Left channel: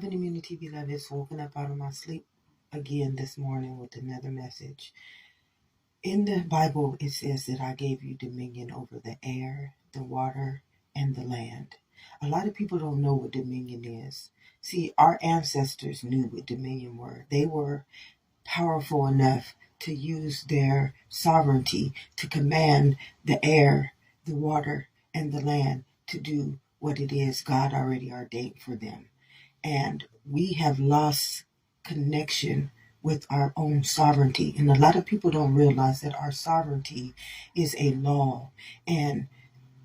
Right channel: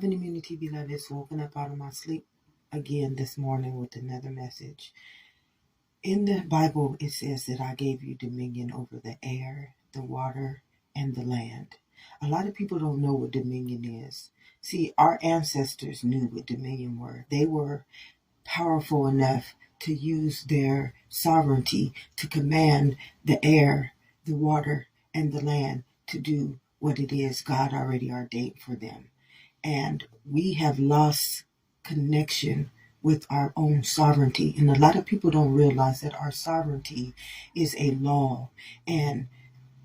Immunity beloveds, woken up out of my sleep again this morning with another message. In the Bible, it says that I gave you dominion over the air, the water, and the land. A lot of people don't know what dominion is. See, our ancestors knew what dominion were. They were powerful enough to use their sovereignty to command the air, the water, and the land to do what it is God already ordained for them. And we have lost connection with our own sovereignty. And a lot of people don't realize that our sovereignty is a law. And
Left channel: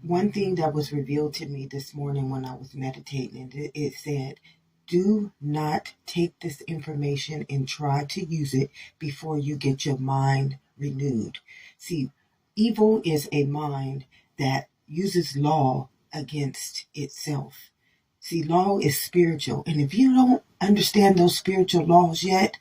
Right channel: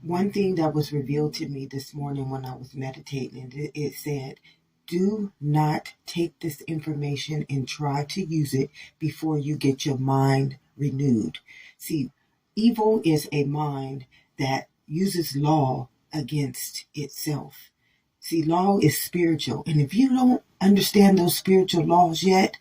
one thing that was revealed to me this morning when I was meditating, it said, do not take this information and try to use it before you get your mind renewed. See, evil is a mind that uses law against itself. See, law is spiritual. And if you don't understand those spiritual laws yet,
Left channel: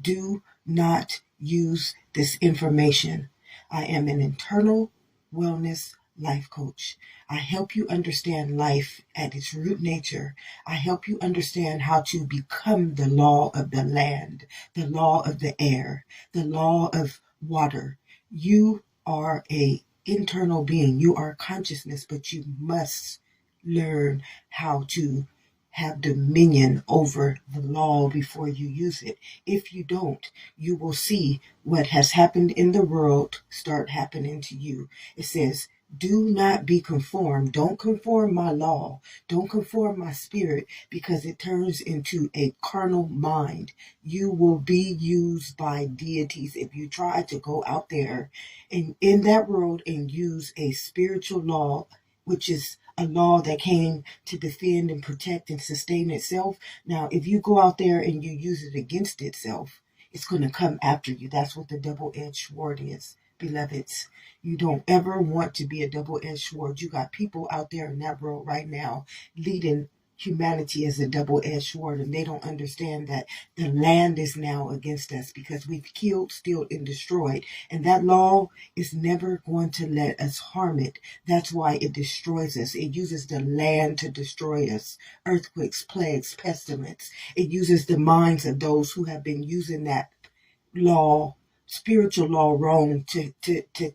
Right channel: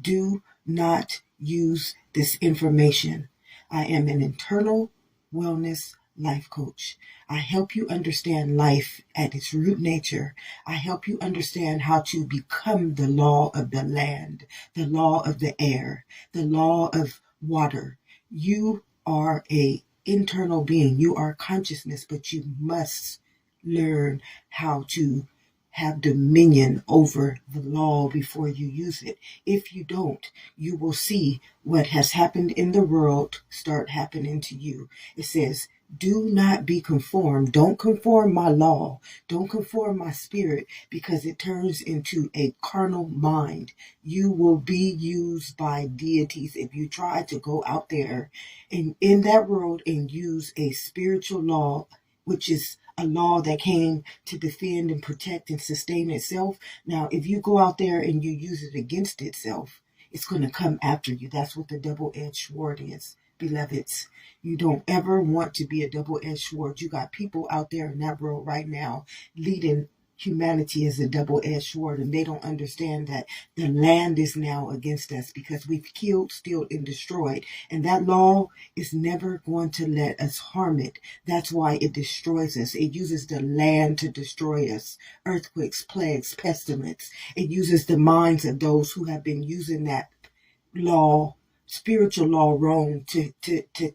do not use this information. I am an internal wellness life coach. I help you understand life at its root nature. I help you understand how to become the law of the land, the law of the air, the law of water. You are an internal being. You are consciousness, but you must learn how to have dominion over the law before you use it. If you don't, you will see what has happened in the world start happening to you. It says, do not be conformed. Don't conform my law. Don't conform my spirit, because it turns into a carnal mind. You will be used by deities if you try to go out there and in that world and use a spiritual law, which is a law that came to defend and protect and sustain itself. Now, if you go out there and you use it against itself, it's going to come after you. That's what the double-edged sword is, beloveds. You don't ever want to be a double-edged sword. You got people out there in that world right now leading humanity as a double-edged sword, and they don't understand that the land is now against us because we've killed, stealed, and destroyed, and that law is never going to let us harm it. That's why it destroys us. It uses the land to destroy us. Earthquakes, plagues, pestilence. It uses the minds of those who have been using that law, spiritual law, wrong to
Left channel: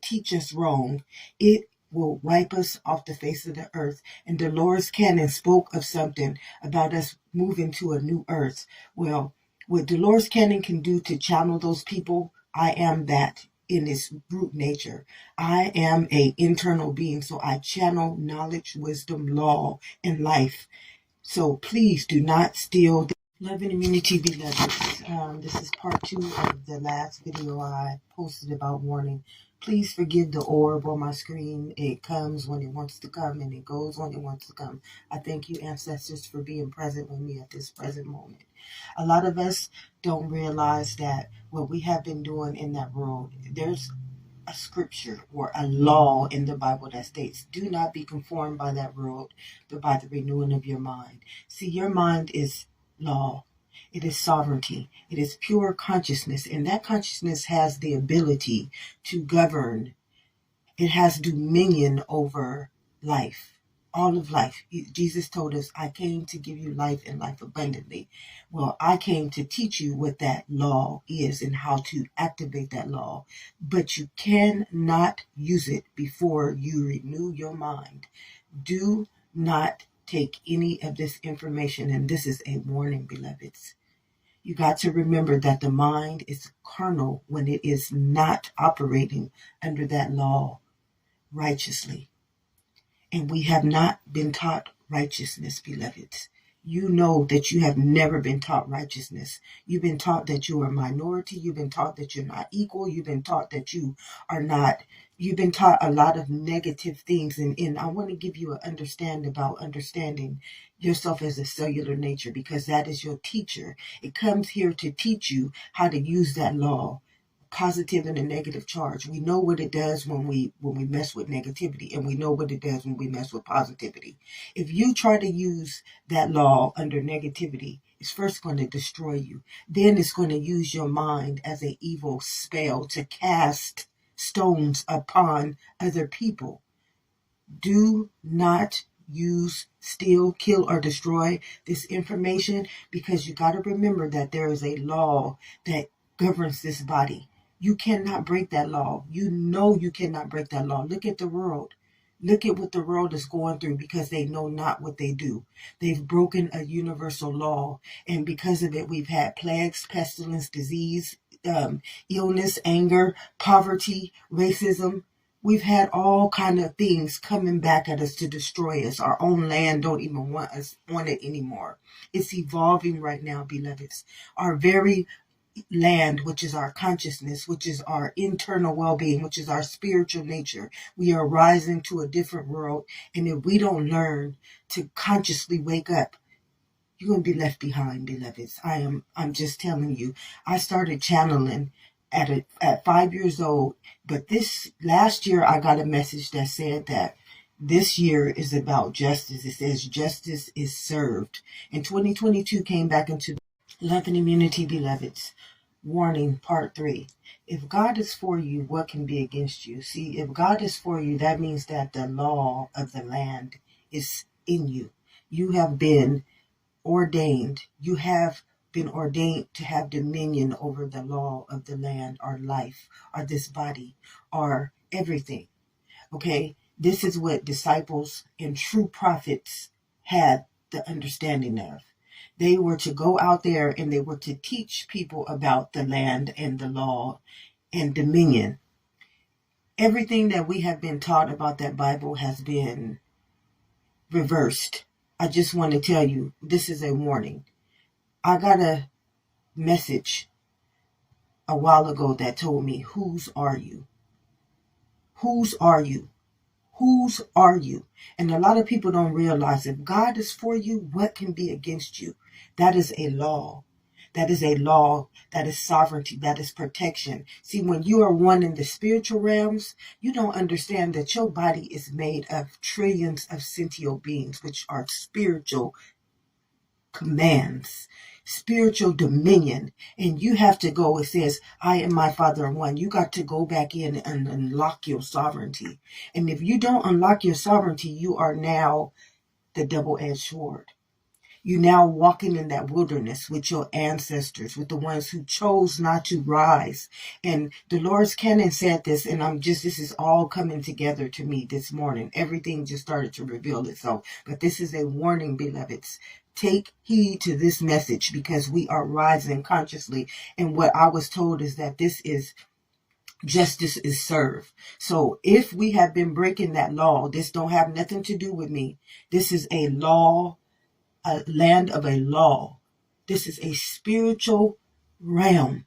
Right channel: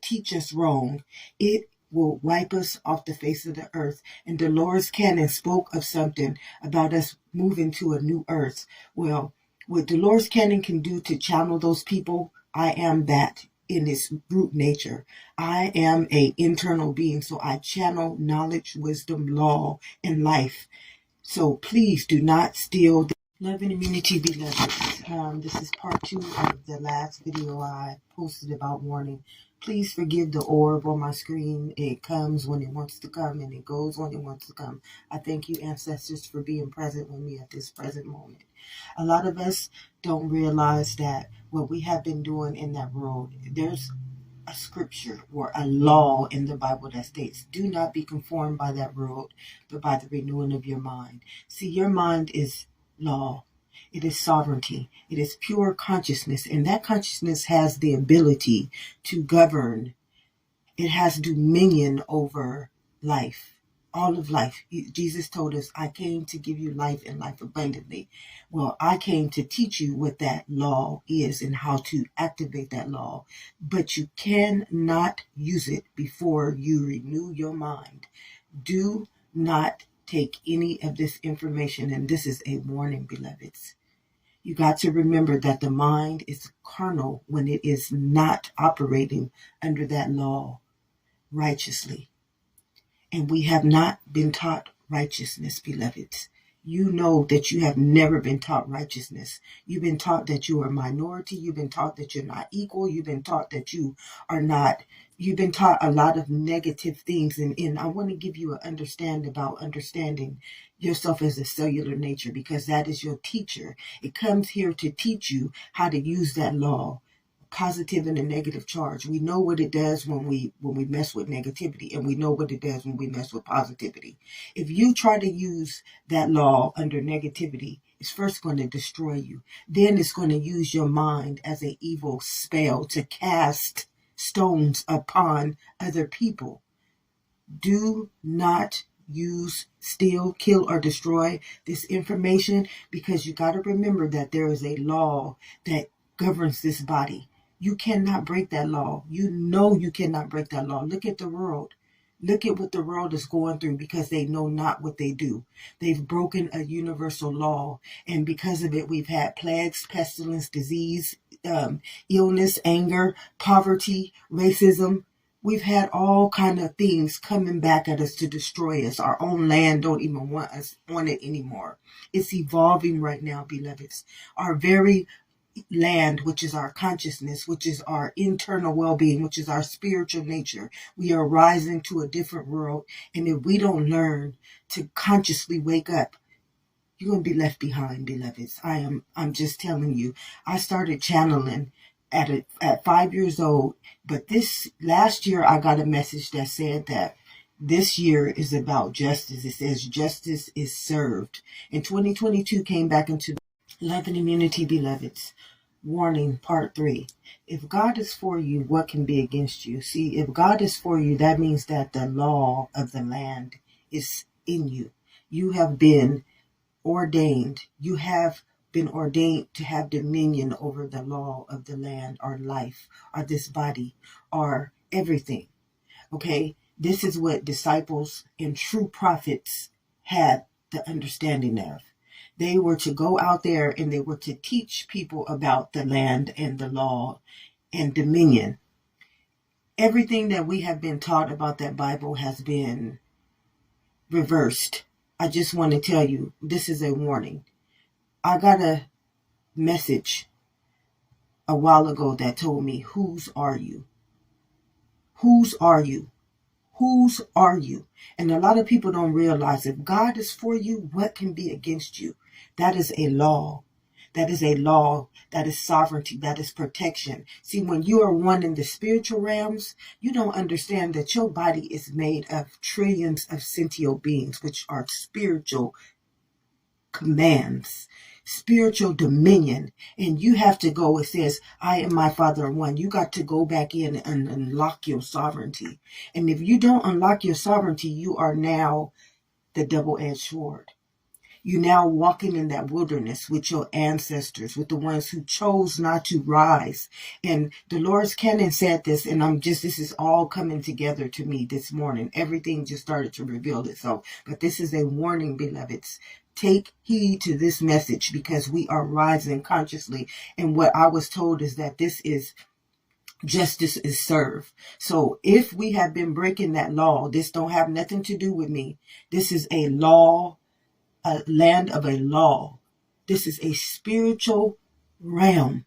teach us wrong. It will wipe us off the face of the earth. And Dolores Cannon spoke of something about us moving to a new earth. Well, what Dolores Cannon can do to channel those people, I am that in its root nature. I am an internal being, so I channel knowledge, wisdom, law, and life. So please do not steal love and immunity, beloveds. This is part 2 of the last video I posted about warning. Please forgive the orb on my screen. It comes when it wants to come and it goes when it wants to come. I thank you, ancestors, for being present with me at this present moment. A lot of us don't realize that what we have been doing in that world, there's a scripture or a law in the Bible that states, do not be conformed by that world, but by the renewing of your mind. See, your mind is law. It is sovereignty. It is pure consciousness, and that consciousness has the ability to govern. It has dominion over life, all of life. Jesus told us, I came to give you life and life abundantly. Well, I came to teach you what that law is and how to activate that law, but you cannot use it before you renew your mind. Do not take any of this information, and this is a warning, beloveds. You got to remember that the mind is carnal when it is not operating under that law righteously. And we have not been taught righteousness, beloveds. You know that you have never been taught righteousness. You've been taught that you are a minority. You've been taught that you're not equal. You've been taught that you are not. You've been taught a lot of negative things. And I want to give you an understanding about understanding yourself as a cellular nature, because that is your teacher. It comes here to teach you how to use that law. Positive and a negative charge. We know what it does when we mess with negativity, and we know what it does when we mess with positivity. If you try to use that law under negativity, it's first going to destroy you. Then it's going to use your mind as an evil spell to cast stones upon other people. Do not use, steal, kill, or destroy this information, because you got to remember that there is a law that governs this body. You cannot break that law. You know you cannot break that law. Look at the world. Look at what the world is going through, because they know not what they do. They've broken a universal law, and because of it, we've had plagues, pestilence, disease, illness, anger, poverty, racism. We've had all kind of things coming back at us to destroy us. Our own land don't even want it anymore. It's evolving right now, beloveds. Our very land, which is our consciousness, which is our internal well-being, which is our spiritual nature. We are rising to a different world. And if we don't learn to consciously wake up, you're going to be left behind, beloveds. I'm just telling you. I started channeling at 5 years old, but this last year I got a message that said that this year is about justice. It says justice is served. And 2022 came back into love and immunity, beloveds. Warning, part 3. If God is for you, what can be against you? See, if God is for you, that means that the law of the land is in you. You have been ordained. You have been ordained to have dominion over the law of the land, or life, or this body, or everything. Okay? This is what disciples and true prophets had the understanding of. They were to go out there and they were to teach people about the land and the law and dominion. Everything that we have been taught about that Bible has been reversed. I just want to tell you, this is a warning. I got a message a while ago that told me, whose are you? Whose are you? Whose are you? And a lot of people don't realize, if God is for you, what can be against you? That is a law. That is a law. That is sovereignty. That is protection. See, when you are one in the spiritual realms, you don't understand that your body is made of trillions of sentient beings, which are spiritual commands, spiritual dominion. And you have to go, it says, I am my Father one. You got to go back in and unlock your sovereignty. And if you don't unlock your sovereignty, you are now the double-edged sword. You're now walking in that wilderness with your ancestors, with the ones who chose not to rise. And Dolores Cannon said this, and this is all coming together to me this morning. Everything just started to reveal itself. But this is a warning, beloveds. Take heed to this message, because we are rising consciously. And what I was told is that this is justice is served. So if we have been breaking that law, this don't have nothing to do with me. This is a law, a land of a law. This is a spiritual realm.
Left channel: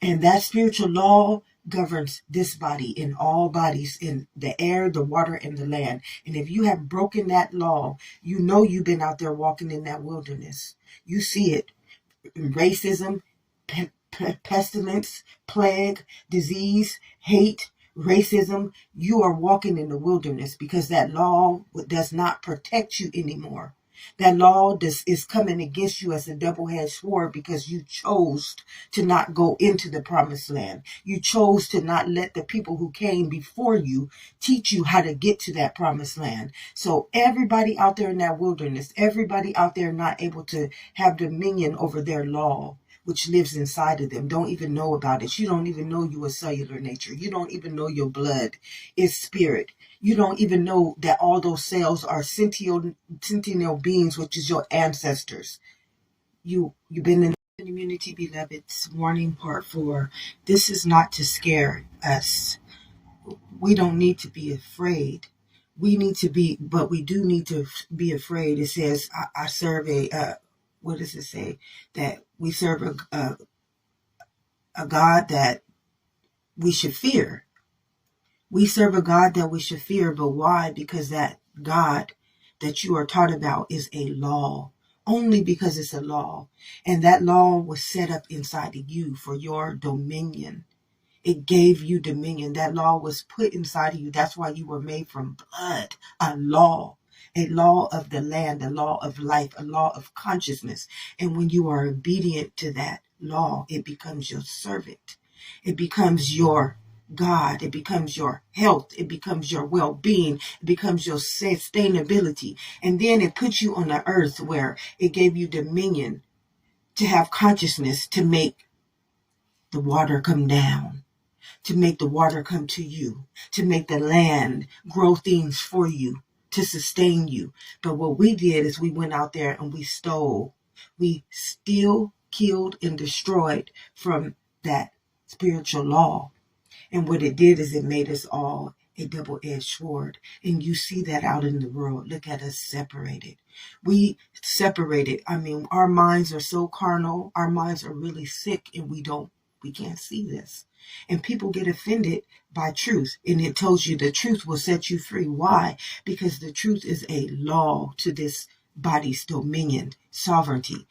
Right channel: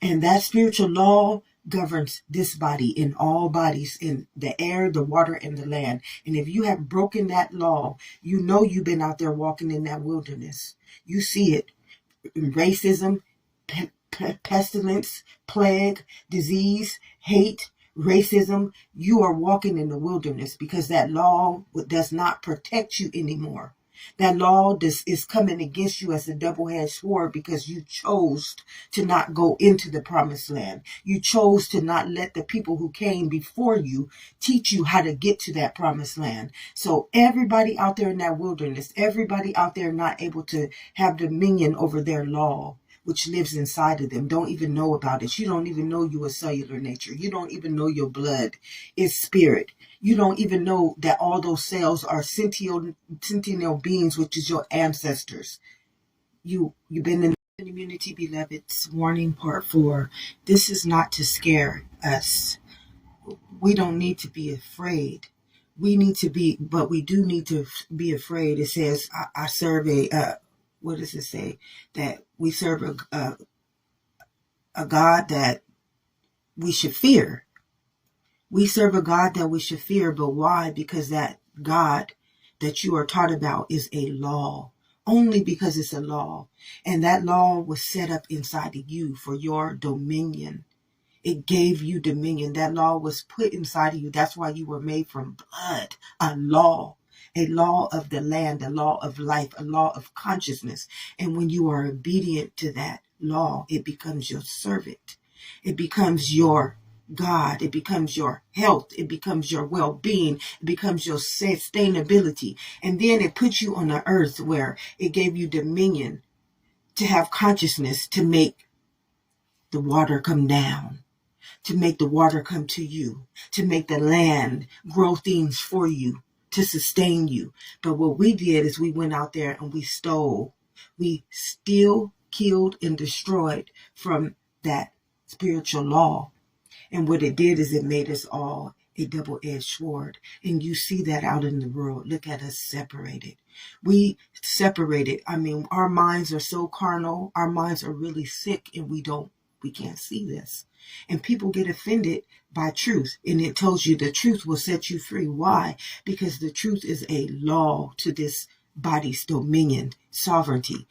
And that spiritual law governs this body, in all bodies, in the air, the water, and the land. And if you have broken that law, you know you've been out there walking in that wilderness. You see it. Racism, pestilence, plague, disease, hate, racism. You are walking in the wilderness because that law does not protect you anymore. That law is coming against you as a double-edged sword, because you chose to not go into the promised land. You chose to not let the people who came before you teach you how to get to that promised land. So everybody out there in that wilderness, everybody out there not able to have dominion over their law, which lives inside of them, don't even know about it. You don't even know you are cellular nature. You don't even know your blood is spirit. You don't even know that all those cells are sentient beings, which is your ancestors. You've been in immunity, beloveds. Warning, part 4. This is not to scare us. We don't need to be afraid. We need to be, but we do need to be afraid. It says, I serve what does it say? That we serve a God that we should fear. We serve a God that we should fear, but why? Because that God that you are taught about is a law. Only because it's a law. And that law was set up inside of you for your dominion. It gave you dominion. That law was put inside of you. That's why you were made from blood. A law of the land, a law of life, a law of consciousness. And when you are obedient to that law, it becomes your servant. It becomes your God. It becomes your health. It becomes your well-being. It becomes your sustainability. And then it puts you on the earth where it gave you dominion to have consciousness to make the water come down, to make the water come to you, to make the land grow things for you, to sustain you. But what we did is we went out there and we stole. We still killed and destroyed from that spiritual law. And what it did is it made us all a double-edged sword. And you see that out in the world. Look at us separated. We separated. I mean, our minds are so carnal. Our minds are really sick, and we can't see this. And people get offended by truth. And it tells you the truth will set you free. Why? Because the truth is a law to this body's dominion, sovereignty.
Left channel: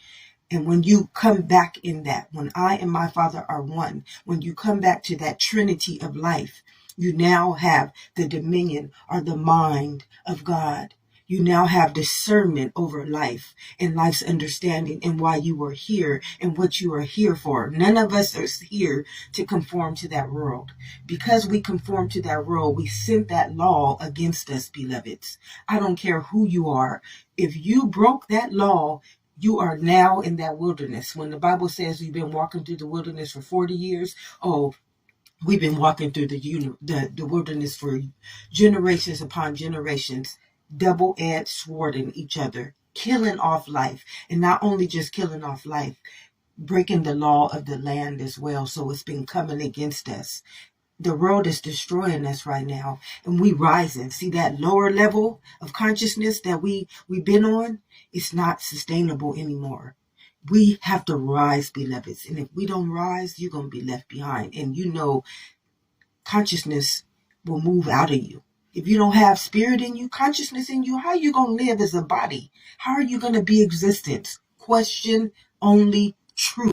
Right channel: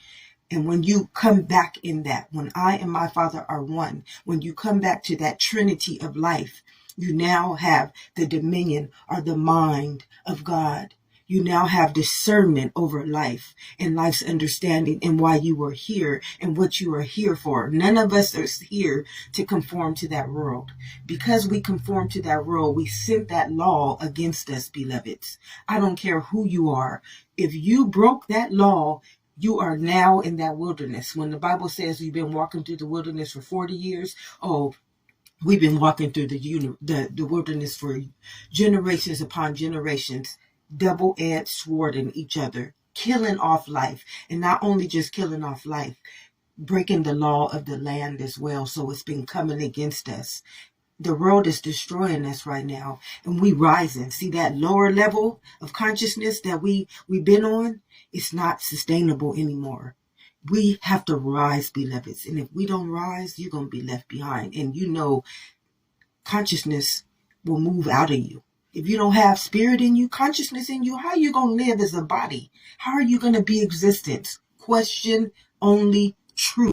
And when you come back in that, when I and my Father are one, when you come back to that trinity of life, you now have the dominion or the mind of God. You now have discernment over life and life's understanding and why you are here and what you are here for. None of us are here to conform to that world. Because we conform to that world, we sent that law against us, beloveds. I don't care who you are. If you broke that law, you are now in that wilderness. When the Bible says you've been walking through the wilderness for 40 years, we've been walking through the wilderness for generations upon generations, double-edged sword in each other, killing off life. And not only just killing off life, breaking the law of the land as well. So it's been coming against us. The world is destroying us right now, and we rising. See that lower level of consciousness that we've been on? It's not sustainable anymore. We have to rise, beloveds. And if we don't rise, you're going to be left behind. And you know, consciousness will move out of you. If you don't have spirit in you, consciousness in you, how are you going to live as a body? How are you going to be existence? Question only truth.